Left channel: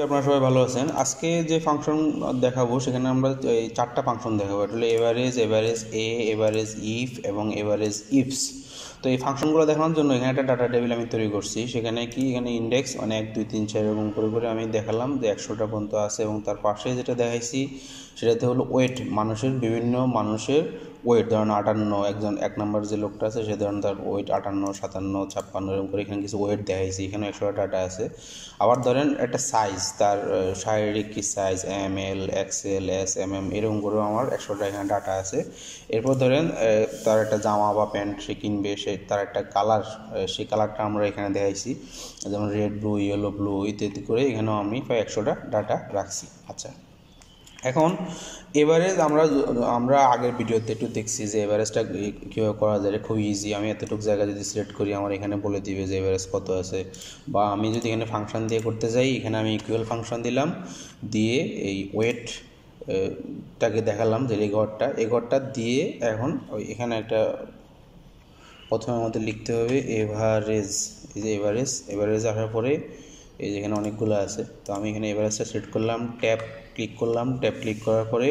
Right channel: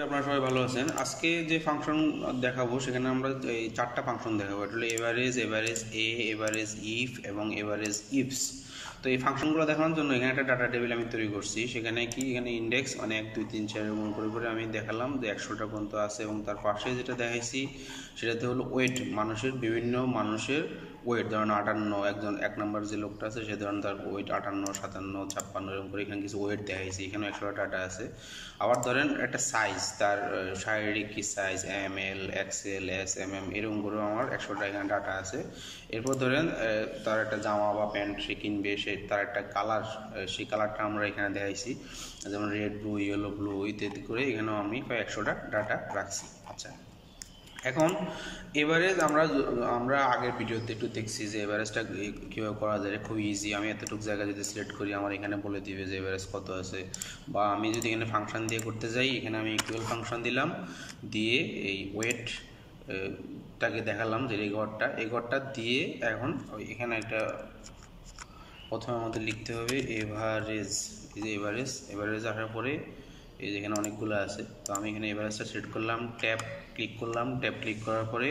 আপনারা সবাই ভালো আছেন। আজকে যে ফাংশন দেখাবো সেখানে আমরা এই চারটা ফাংশন দেখাবো। এটা হলো averageA, averageif এবং averageifs। তো এই ফাংশনগুলো দেখানোর জন্য এখানে একটা ডাটা টেবিল আমি তৈরি করছি। সেখানে এখানে ইন্ডেক্স 1 2 3 4 এরকম করে আমি দেখালাম যে 100টা পর্যন্ত আছে, এবং তার পাশে যেটা দেখাইছি সেটাতে হলো ওয়েট, বিভিন্ন মানুষের ওয়েট। ধরেন 58, একজন 1 নম্বর যে লোকটা আছে সে ধরেন তার ওয়েট 58, 57, 56 এরকম করে এখানে কিছু ওয়েট দেখাইছি। এখানেও 100টা ডাটা আছে। আবার ধরেন একটা সাইজ, তার শারীরিক কি size, ML, XL, S, MM এরকম করেও আমার 100টা এখানে ডাটা আছে। এরপর ধরেন তার একটা জামা বা প্যান্ট সে কিনবে, তার একটা কালার, সেই কালারটা আমরা এখানে দেখাইছি, যেমন রেড, ব্লু, ইয়েলো, ব্লু ইত্যাদি করে এখানেও আমি প্রায় 100টা ডাটা রাখছি। আচ্ছা, এখন এভারেজ আমরা আগের ভিডিওতে একটু দেখছি যে এভারেজটা কীভাবে করা যায়। খুব ইজি। আমি এতটুকু জায়গা যদি সিলেক্ট করি আমার এখানে বলে দিবে যে এভারেজ কত আছে। বা আমি যদি এখানে ফাংশন দিয়ে করতে যাই, এখানে আমি ইকুয়াল ফাংশন দিলাম, দিয়ে এই ওয়েট টাকে দেখালাম যে এই ঘরটা দিয়ে এখন এখানে একটা প্রথমে আমাদের লিখতে হবে এভারেজ। এই যে এভারেজ আসার পরে এই যে এখানে অনেকগুলো আছে, তো আমি এখানে এভারেজটা সেট করলাম, ট্যাব ক্লিক করার পরে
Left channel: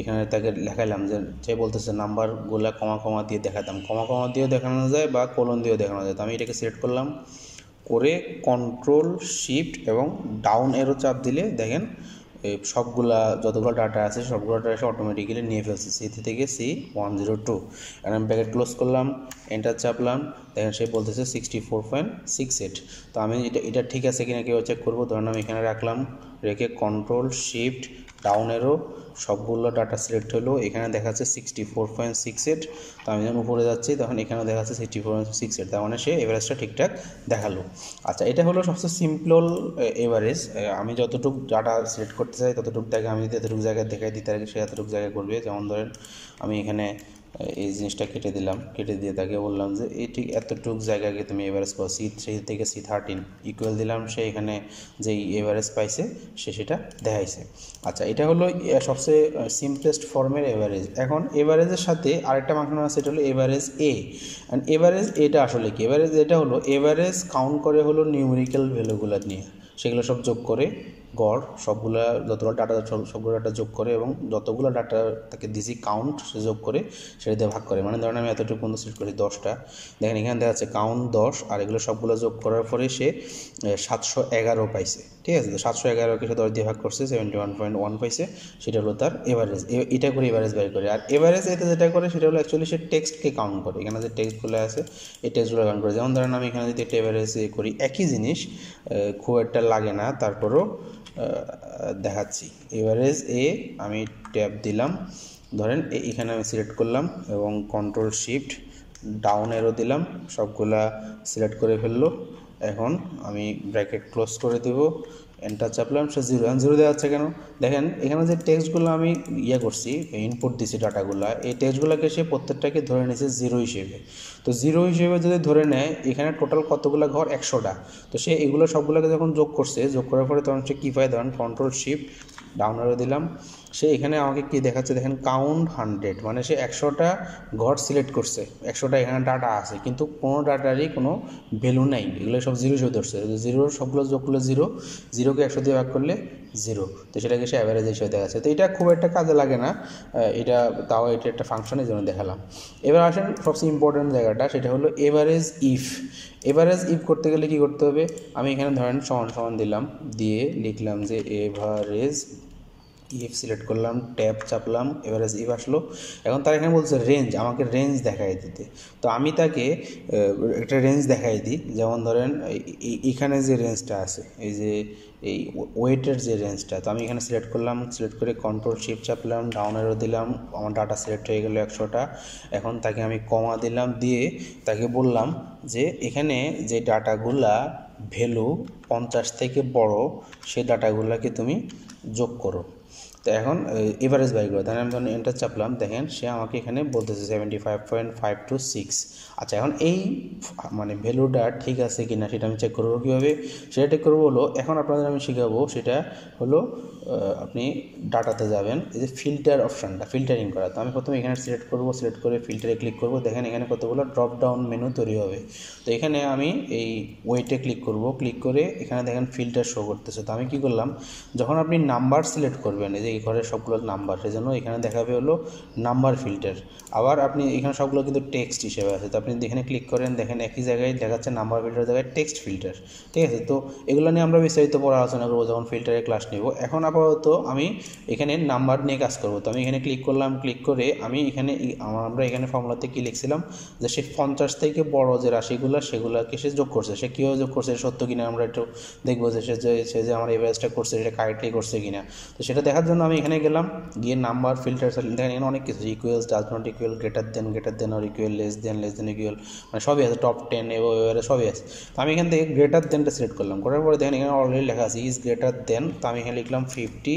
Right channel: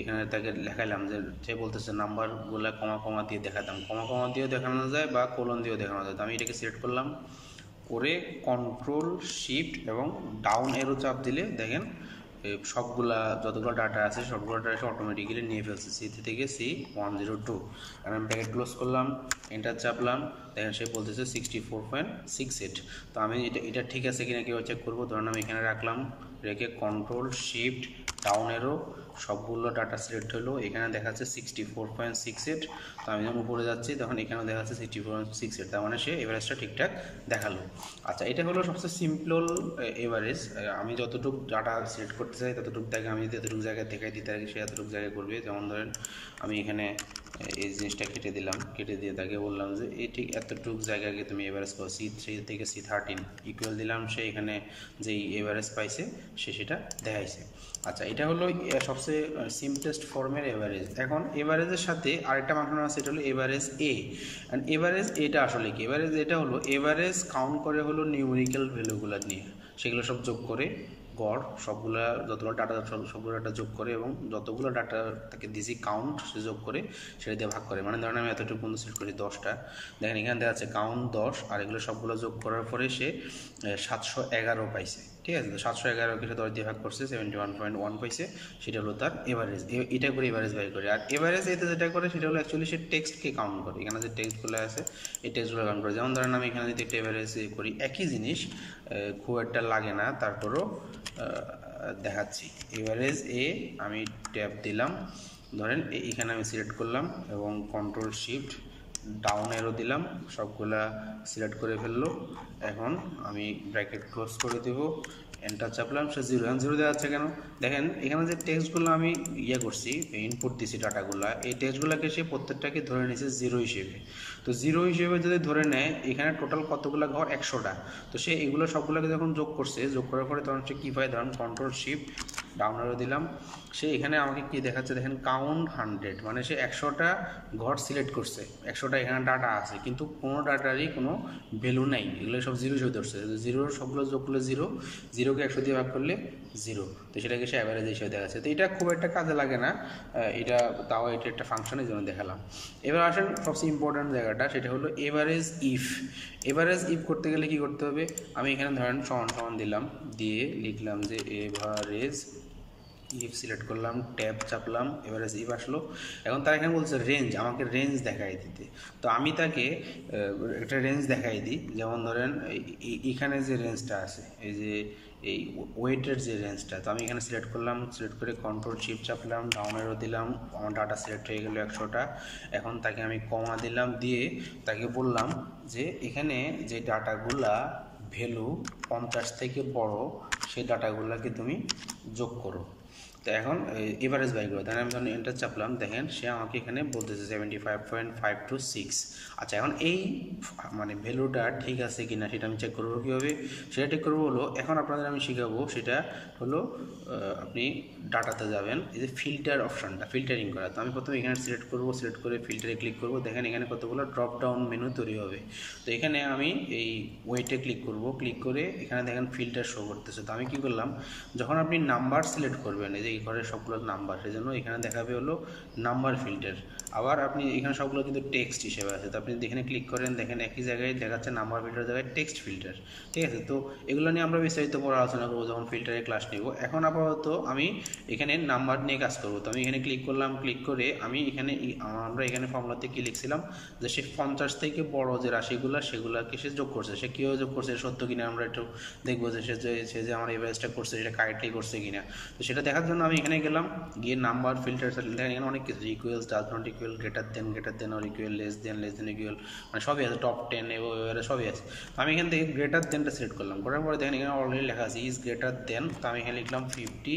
এখানে তাকে দেখাইলাম যে সে বলতেছে নাম্বারগুলো কমা দিয়ে দেখাতাম। কমা দিয়েও দেখানো যায় বা কোলন দিয়েও দেখানো যায়। তো আমি এটাকে সিলেক্ট করলাম করে কন্ট্রোল শিফট এবং ডাউন এরো চাপ দিলে দেখেন যতগুলো ডাটা আছে সবগুলো ডাটা অটোমেটিক্যালি নিয়ে ফেলছে সি থেকে C102। এখন আমি ব্র্যাকেট ক্লোজ করলাম, এন্টার চাপলাম, দেখেন সে বলতেছে 64.68। তো আমি এটা ঠিক আছে কিনা কেউ চেক করবো। ধরুন আমি এখানে রাখলাম, রেখে কন্ট্রোল শিফট ডাউন এরো সবগুলো ডাটা সিলেক্ট হলো, এখানে দেখাচ্ছে 64.68। তো আমি যখন উপরে যাচ্ছি তখন এখানে দেখাচ্ছে 64.68, তার মানে সে এভারেজটা ঠিকঠাক দেখালো। আচ্ছা, এটা হলো সবচেয়ে সিম্পল এভারেজ। আমি যতটুকু ডাটা সিলেক্ট করতে চাই ততটুকু জায়গা আমি যদি এতটুকু জায়গায় দেখাই দিই তাহলে সে এতটুকু জায়গায় করবে। যেমন ধরেন আমি এখানে এই জিনিসটা কেটে দিয়ে তাকে বললাম যে এই ঠিক এতটুকু জায়গাকে তুমি এভারেজ করো, C3 থেকে C13 ইকুয়াল দিলাম, সে এখানে যেই এভারেজ পাইছে সে সেটা দেখাইছে। আচ্ছা, এটা হলো সবচেয়ে সিম্পলেস্ট ফর্মের এভারেজ। এখন এভারেজের সাথে আরেকটা ফাংশন আছে, এটা হলো averageA। অ্যান্ড এভারেজ এটা আসলে কি? এটা হলো এভারেজ কাউন্ট করে হলো নিউমেরিক্যাল ভ্যালুগুলো নিয়ে, সেগুলো সব যোগ করে গড় যতগুলো ডাটা সবগুলো ডাটা যোগ করে এবং যতগুলো ডাটা তাকে দিছি কাউন্ট সে যোগ করে সেটা দিয়ে ভাগ করে। মানে ধরেন আমি এতটুকু পর্যন্ত সিলেক্ট করি 10টা, দেখেন এখানে দেখা যাচ্ছে কাউন্ট 10 আর এগুলো সবগুলো যোগ করার পরে সে 711 পাইছে। ঠিক আছে, তো 711কে সে 10 দিয়ে ভাগ করছে, 71.1 পাইছে। সেটা হলো তার এভারেজ। এটা করে এভারেজ বের করে। আর এভারেজ এতে যেটা করে সেটা হলো অ্যাকচুয়ালি সে টেক্সটকে কাউন্ট করে। এখানে যে টেক্সটগুলো আছে এই টেক্সটগুলো কাউন্ট করে। যেমন ধরেন আমি এখানে যদি একটা এভারেজ করি, একই জিনিস, খুব একটা লাগে না, তারপরও দেখাচ্ছি। averageA আমি ট্যাব দিলাম, ধরেন এখানে আমি সিলেক্ট করলাম এবং কন্ট্রোল শিফট ডাউন এরো দিলাম, সবগুলা সিলেক্ট করে ফেললো। এখন আমি ব্র্যাকেট ক্লোজ করে দেব, এন্টার চাপলাম, সে 0। এখন 0 দেওয়া যাচ্ছে কেন? দেখেন এখানে যে টেক্সটগুলো আমি করছি, ইনপুট দিছি ডাটাগুলো, এই টেক্সটগুলোকে সে প্রত্যেকটাকে ধরে নিয়েছে 0 হিসেবে। তো 0 হিসেবে যদি ধরে নেয়, এখানে টোটাল কতগুলো ঘর? 100টা। তো সে এগুলো সবগুলোকে যখন যোগ করার পরে তখন সে কী পায়? ধরেন কন্ট্রোল শিফট ডাউন এরো দিলাম, সে এখানে আমাকে কি দেখাচ্ছে দেখেন, কাউন্ট 100। মানে সে 100টা ঘর সিলেক্ট করছে, 100টা এখানে ডাটা আছে, কিন্তু কোনো ডাটারই কোনো ভ্যালু নাই, এগুলো সব 0 হিসেবে ধরছে। 0 সবগুলো যোগ করলে 0, 0কে 100 দিয়ে ভাগ করলে 0, তো সেটাকে সে অ্যাভারেজ হিসেবে দেখাচ্ছে। তো এটা খুব একটা কাজে লাগে না, এটা একটা ফাংশনের জন্য দেখালাম। এবার আসেন সবচেয়ে ইম্পর্টেন্ট জায়গাটা, সেটা হলো এভারেজ ইফ করতে গেলে কি করতে হবে? আমি এখানে ধরেন সমান দিলাম, দিয়ে লিখলাম যে এভারেজ ইফ, সিলেক্ট করলাম, ট্যাব চাপলাম, এভারেজ ইফ আসলো। এখন তার এখানে বলছে রেঞ্জ, আমাকে রেঞ্জ দেখাই দিতে। তো আমি তাকে একটা রেঞ্জ দেখাই দিই। যেমন ধরেন এখানে যে রেঞ্জটা আছে, এই যে এই ওয়েটের যে রেঞ্জটা, তো আমি এখানে সিলেক্ট করলাম, সিলেক্ট করে কন্ট্রোল শিফট চাপলাম, ডাউন এরো দিলাম, আমার ডাটা সিলেক্ট হয়ে গেল 100টা। এখন তাকে আমি কমা দিলাম, দিয়ে তাকে বললাম যে এখানে যে ডাটাগুলা ভ্যালু 50 থেকে বড় সেই ডাটাগুলোকে তুমি যোগ করো। তো এখন এভারেজ বাই করে, তাহলে আমি যখন এন্টার চাপলাম দেখেন সে আমাকে এখানে বলতেছে 75.526। আচ্ছা, এখন এই মানে ভ্যালুটা ঠিক আছে কিনা সেটা আমি চেক করবো কীভাবে, সেটা চেক করবো হলো এখন আপনাদের আমি শেখাবো, সেটা হলো আপনি ডাটাতে যাবেন, এই যে ফিল্টার অপশানটা, ফিল্টারিং করা। তো আমি প্রথমে এখানে সিলেক্ট করবো, সিলেক্ট করে ফিল্টারে ক্লিক করবো, দেখেন এখানে কতগুলো ড্রপ ডাউন মেনু তৈরি হবে। তো এখানে আমি এই ওয়েটে ক্লিক করব, ক্লিক করে এখানে দেখেন ফিল্টার শো করতেছে। তো আমি কি করলাম, যখন আপনি নাম্বার সিলেক্ট করবেন, এই যে এই ঘরের সবগুলো নাম্বার, সেজন্য এখানে দেখাবে হলো নাম্বার ফিল্টার। আবার আপনি এখানে সবগুলো কিন্তু টেক্সট হিসেবে আছে, তো আপনি এখানে ক্লিক করেন, দেখেন একই জায়গায় দেখাচ্ছে নাম্বার ফিল্টার জায়গায় টেক্সট ফিল্টার, ঠিক আছে। তো এগুলো নিয়ে আমরা বিস্তারিত পরে আলোচনা করবো যখন ফিল্টারের ক্লাস নেব। এখন আপাতত আমি এখানে নাম্বার নিয়ে কাজ করব। তো আমি এখানে ক্লিক করলাম, ক্লিক করে আমি এখানে আমরা এখানে ফর্মুলাতে কী লিখছিলাম যে সে 50 থেকে বড় যে রাশিগুলো সেগুলোকে সে যোগ করছে, সে কীভাবে যোগ করছে সত্য কিনা আমরা একটু দেখবো, যে সে যে আমার এভারেজটা করছে সেটা কারেক্টলি করছে কিনা। তো সেটা দেখার জন্য আমি এখানে গেলাম, গিয়ে নাম্বার ফিল্টার দেখেন এখানে অনেক কিছু, equals, does not equal, greater than or equal, less than equal, মানে সবই আছে, টপ 10 এবং এবারে সবই আছে। তো আমি এখান থেকে গ্রেটার দেনটা সিলেক্ট করলাম, করার পরে দেখেন এখানে অলরেডি লেখা আছে ইজ গ্রেটার দেন। তো আমি এখানে লিখলাম 50।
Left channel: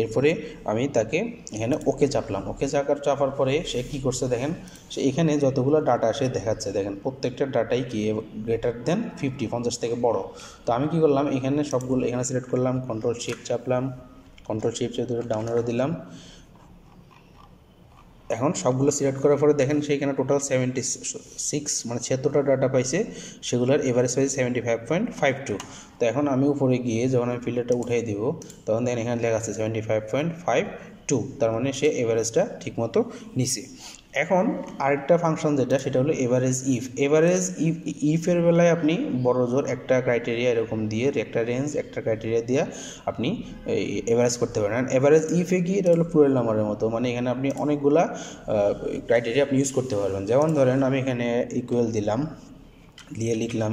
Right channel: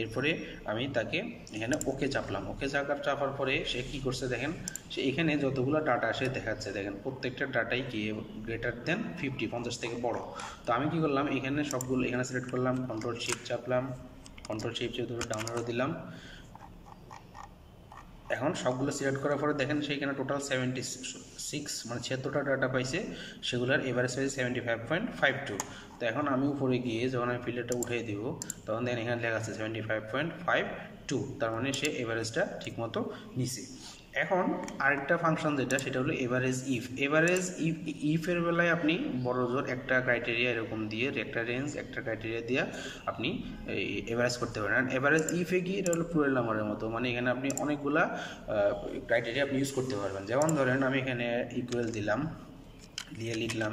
এরপরে আমি তাকে এখানে ওকে চাপলাম, ওকে চাপার পরে সে কী করছে দেখেন, সে এখানে যতগুলো ডাটা সে দেখাচ্ছে, দেখেন প্রত্যেকটা ডাটাই কি গ্রেটার দেন 50 থেকে বড়। তো আমি কি করলাম, এখানে সবগুলো এখানে সিলেক্ট করলাম, কন্ট্রোল শিফট চাপলাম, কন্ট্রোল শিফট চেপে ডাউন আরো দিলাম। এখন সবগুলো সিলেক্ট করার পরে দেখেন সেইখানে টোটাল 76 মানে 76টা ডাটা পাইছে, সেগুলোর এভারেজ পাইছে 75.52। তো এখন আমি উপরে গিয়ে যখন আমি ফিল্টারটা উঠিয়ে দিব তখন দেখেন এখানে লেখা আছে 75.52, তার মানে সে এভারেজটা ঠিকমতো নিছে। এখন আরেকটা ফাংশন যেটা, সেটা হলো এভারেজ ইফের বেলায় আপনি বড় জোর একটা ক্রাইটেরিয়া এরকম দিয়ে, একটা রেঞ্জ একটা ক্রাইটেরিয়া দিয়ে আপনি এভারেজ করতে পারেন। এভারেজ ইফে কি, এটা হলো প্লুরাল নাম্বারের মতো, মানে এখানে আপনি অনেকগুলা ক্রাইটেরিয়া আপনি ইউজ করতে পারবেন। যেমন ধরেন আমি এখানে ইকুয়াল দিলাম, দিয়ে লিখলাম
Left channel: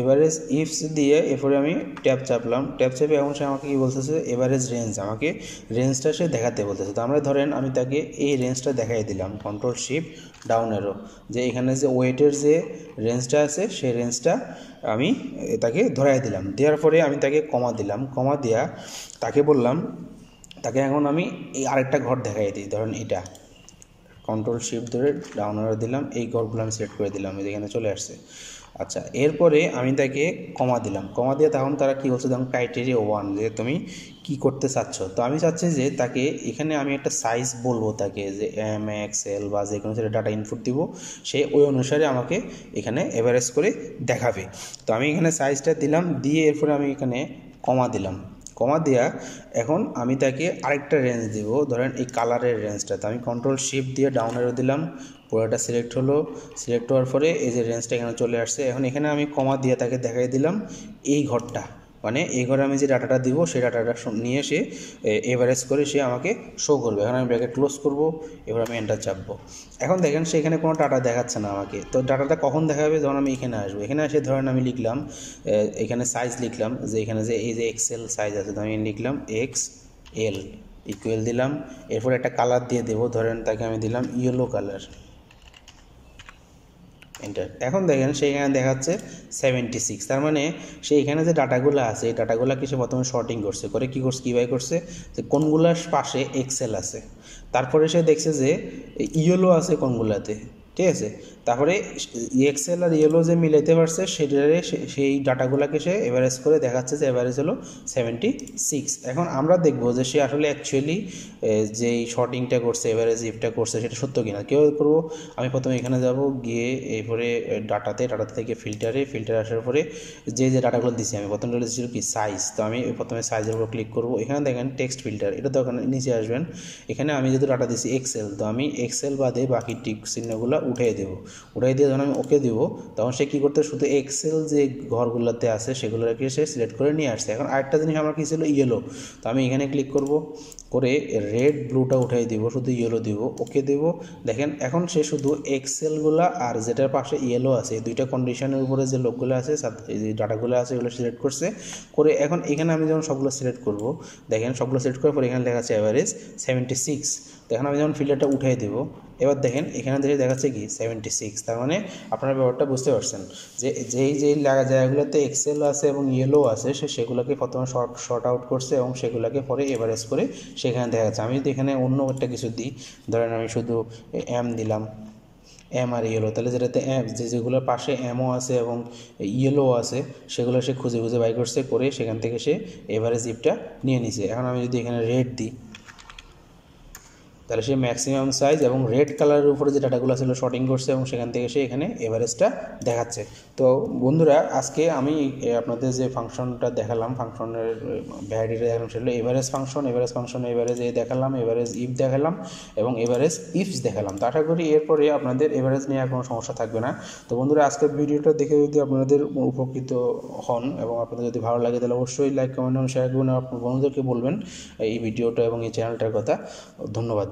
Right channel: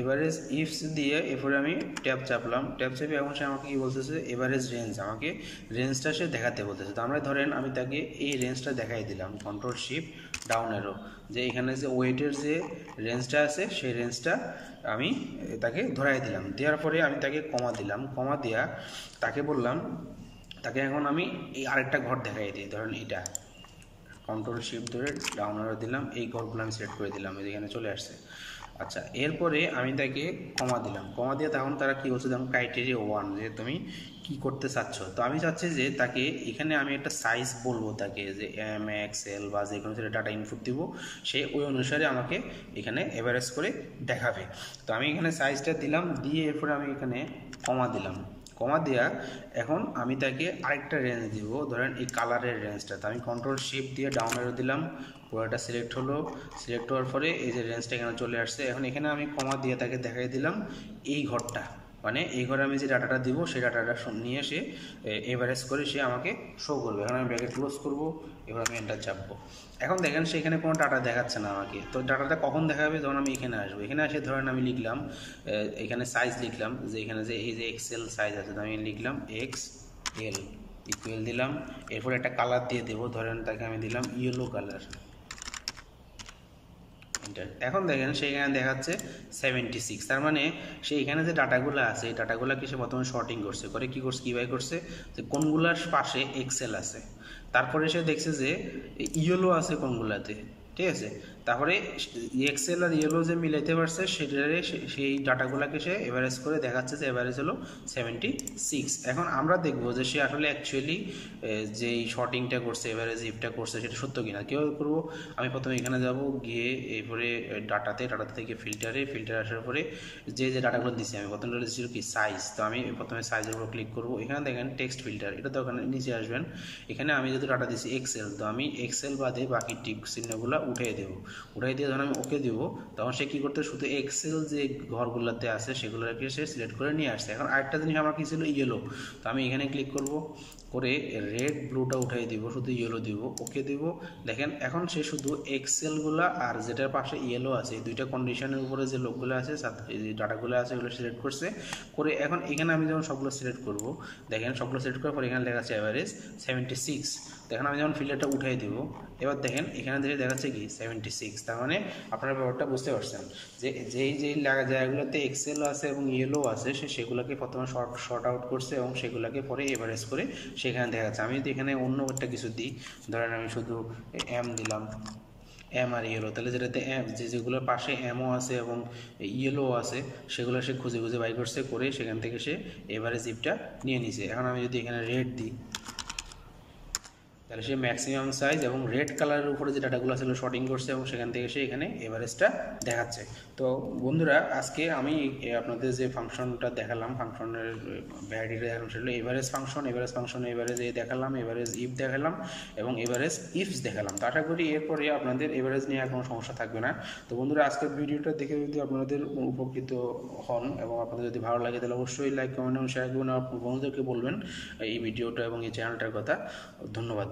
এভারেজ ইফস দিয়ে এরপরে আমি ট্যাব চাপলাম, ট্যাব চাপে এখন সে আমাকে কী বলতেছে, এভারেজ রেঞ্জ, আমাকে রেঞ্জটা সে দেখাতে বলতেছে। তো আমরা ধরেন আমি তাকে এই রেঞ্জটা দেখাই দিলাম, কন্ট্রোল শিফট ডাউন অ্যারো, যে এখানে যে ওয়েটের যে রেঞ্জটা আছে সেই রেঞ্জটা আমি তাকে ধরাই দিলাম। দেওয়ার পরে আমি তাকে কমা দিলাম, কমা দেওয়া তাকে বললাম, তাকে এখন আমি এই আরেকটা ঘর দেখাই দিই, ধরেন এটা, কন্ট্রোল শিফট ধরে ডাউন অ্যারো দিলাম, এই ঘরগুলো আমি সিলেক্ট করে দিলাম, এখানে চলে আসছে। আচ্ছা, এরপরে আমি তাকে কমা দিলাম, কমা দিয়ে তখন তারা কী বলছে, যেমন ক্রাইটেরিয়া 1, যে তুমি কি করতে চাচ্ছ। তো আমি চাচ্ছি যে তাকে এখানে আমি একটা সাইজ বলবো তাকে, যে MXL বা যে কোনো সেটা ডাটা ইনপুট দিব, সে ওই অনুসারে আমাকে এখানে এভারেজ করে দেখাবে। তো আমি এখানে সাইজটা দিলাম, দিয়ে এরপরে আমি এখানে কমা দিলাম, কমা দেওয়া এখন আমি তাকে আরেকটা রেঞ্জ দিব, ধরেন এই কালারের রেঞ্জটা। তো আমি কন্ট্রোল শিফট দিয়ে ডাউন অ্যারো দিলাম, পুরোটা সিলেক্ট হলো, সিলেক্ট হওয়ার পরে এই যে রেঞ্জটা এখানে চলে আসছে। এখন এখানে আমি কমা দিয়ে তাকে দেখাই দিলাম এই ঘরটা, মানে এই ঘরে আমি যে ডাটাটা দিব সেই ডাটাটা নিয়ে সে এভারেজ করে সে আমাকে শো করবে। এখন আমি ব্র্যাকেট ক্লোজ করব, এবার আমি এন্টার চাপবো। এখন দেখেন সে এখানে কোনো ডাটা দেখাচ্ছে না আমাকে। তো ডাটাটা কখন দেখাবে, যখন আমি এখানে আসবো, এখানে এসে ধরেন আমি লিখলাম এখানে সাইজ লিখলাম, যে এখানে যে এই যে এক্সেল সাইজ আছে, তো আমি লিখলাম XL ইকুয়াল দিলাম, এরপর একটা কালার দিয়ে দেবো, ধরেন তাকে আমি দিলাম ইয়েলো কালার, এন্টার। এখন দেখেন সেইখানে দেখাচ্ছে 76, তার মানে সে এখানে যে ডাটাগুলো আছে এই ডাটাগুলোকে সে প্রথমে শর্টিং করছে, করে কী করছে, কীভাবে করছে, যে কোনগুলার পাশে এক্সেল আছে, তারপরে সে দেখছে যে ইয়েলো আছে কোনগুলাতে, ঠিক আছে। তারপরে এক্সেল আর ইয়েলো যে মিলাইতে পারছে সেটারে সেই ডাটাগুলোকে সে এভারেজ করে দেখাচ্ছে যে এভারেজ হলো 76। এখন আমরা দেখব যে সে আসলে অ্যাকচুয়ালি যেই শর্টিংটা করছে, এভারেজ ইফটা করছে, সেটা সত্য কিনা। কেউ করবো, আমি প্রথমে এখানে যাব, গিয়ে এরপরে ডাটা থেকে ফিল্টার আসার পরে যে ডাটাগুলো দিচ্ছি, আমি প্রথমে দিচ্ছিল কি সাইজ। তো আমি প্রথমে সাইজের উপর ক্লিক করব, এখানে দেখেন টেক্সট ফিল্টার, এটা তো ওখানে নিচে আসবেন। এখানে আমি যেহেতু ডাটা দিচ্ছি এক্সেল, তো আমি এক্সেল বাদে বাকি টিক চিহ্নগুলো উঠিয়ে দেবো, উঠাই দিয়ে যখন আমি ওকে দিব তখন সে কী করতে, শুধু এক্সেল যে ঘরগুলোতে আছে সেগুলোকে সে সিলেক্ট করে নিয়ে আসছে। এখন আরেকটা জিনিস আমার কী ছিল, ইয়েলো। তো আমি এখানে ক্লিক করব, করে রেড ব্লুটা উঠাই দিব, শুধু ইয়েলো দিব, ওকে দেব। দেখেন এখন সে শুধু এক্সেলগুলো আর যেটার পাশে ইয়েলো আছে এই দুইটা কন্ডিশনের উপরে যে লোকগুলো আছে, যে ডাটাগুলো আছে এগুলো সিলেক্ট করছে, করে এখন এখানে আমি যখন সবগুলো সিলেক্ট করব, দেখেন সবগুলো সিলেক্ট করার পর এখানে লেখা আছে অ্যাভারেজ 76। তো এখন আমি যখন ফিল্টারটা উঠাই দেবো, এবার দেখেন এখানে দেখাচ্ছে কি 76, তার মানে আপনারা ব্যাপারটা বুঝতে পারছেন যে যেই জায়গাগুলোতে এক্সেল আছে এবং ইয়েলো আছে সেগুলোকে প্রথমে শর্ট আউট করছে এবং সেগুলোকে পরে এভারেজ করে সেখানে দেখা যাচ্ছে। আমি যদি এখানে অন্য একটা কিছু দিই, ধরেন আমি শুধু এম দিলাম, এম আর ইয়েলো, তাহলে যেটাতে এম যেগুলোর পাশে এমও আছে এবং ইয়েলো আছে সেগুলো সে খুঁজে খুঁজে বাই করছে, করে সেখান থেকে সে এভারেজ ইফটা নিয়ে নিছে। এখন আমি যদি এখানে রেড দিই, তাহলে সে ম্যাক্সিমাম সাইজ এবং রেড কালারের উপরে যে ডাটাগুলো ছিল শর্টিং করছে এবং সেখান থেকে সে এখানে এভারেজটা দেখাচ্ছে। তো বন্ধুরা, আজকে আমি আপনাদের যে ফাংশনটা দেখালাম, ফাংশনের ভ্যারাইটিটা দেখালাম, সেটা এভারেজ ফাংশন, এভারেজ এ দেখালাম, এভারেজ ইফ দেখালাম এবং এভারেজ ইফস দেখালাম। তো আশা করি এরপরে আপনাদের এভারেজ নিয়ে আর কোনো সমস্যা থাকবে না। তো বন্ধুরা, আজকের ভিডিওটা দেখে যদি আপনাদের উপকৃত হন এবং আপনাদের যদি ভালো লাগে তাহলে অবশ্যই লাইক, কমেন্ট এবং শেয়ার করবেন, আপনার বন্ধুদেরকে বলবেন এই ভিডিওটা এবং এই চ্যানেলটার কথা। ধন্যবাদ।